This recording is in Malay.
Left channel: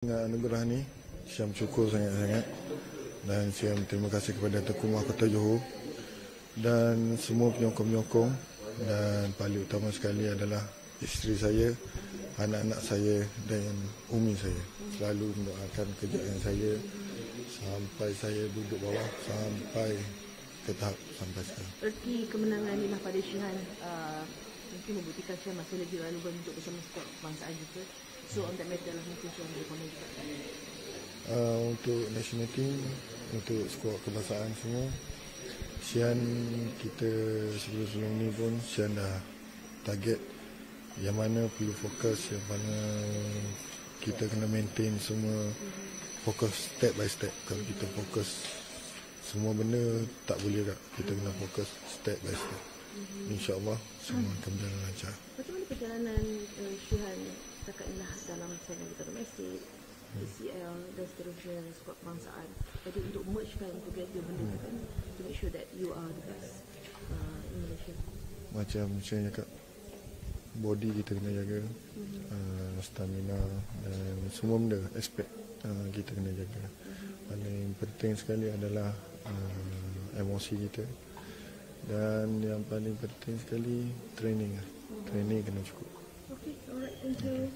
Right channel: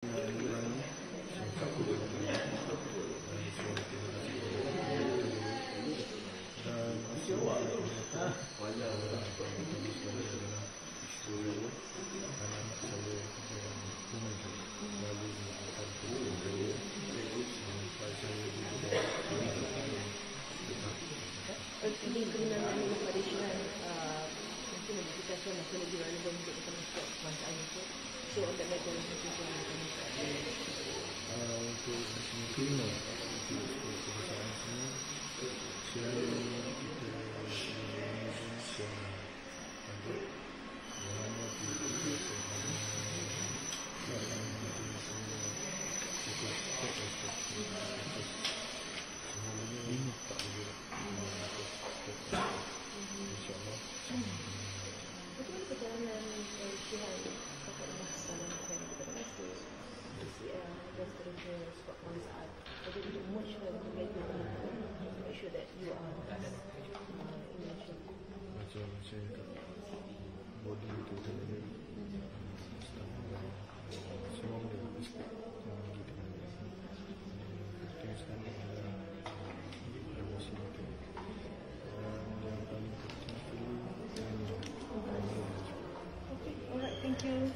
Anugerah ni saya bersyukur sangat-sangat dan saya terima kasih kepada Tuan Kumar Kota Johor dan semua penyokong-penyokong, dan paling utama sekali adalah isteri saya, anak-anak saya dan umi saya. Selalu mendoakan kejayaan saya sampai saya duduk bawah sampai ke tahap sampai sekarang. Erti kemenangan Limah pada Syihan mungkin membuktikan Syihan masih lagi relevan untuk bersama skuad kebangsaan itu. So on that matter, mungkin Syihan boleh komen. Untuk national team, untuk skuad kebangsaan semua, Syihan kita sebelum ni pun Syihan dah target yang mana perlu fokus, yang mana kita kena maintain semua, fokus step by step. Kalau kita fokus semua benda tak boleh dah, kita kena fokus step by step. InsyaAllah semua akan berjalan lancar. Bagaimana perjalanan ke Syihan kakaklah dalam semi domestik, PCL dan seterusnya skuad kebangsaan, jadi untuk mergekan together to make sure that you are the best in Malaysia? Macam saya cakap, body kita kena jaga, stamina, semua benda, aspek kita kena jaga. Yang penting sekali adalah emosi kita, dan yang paling penting sekali training kena cukup. Okay, alright, thank you.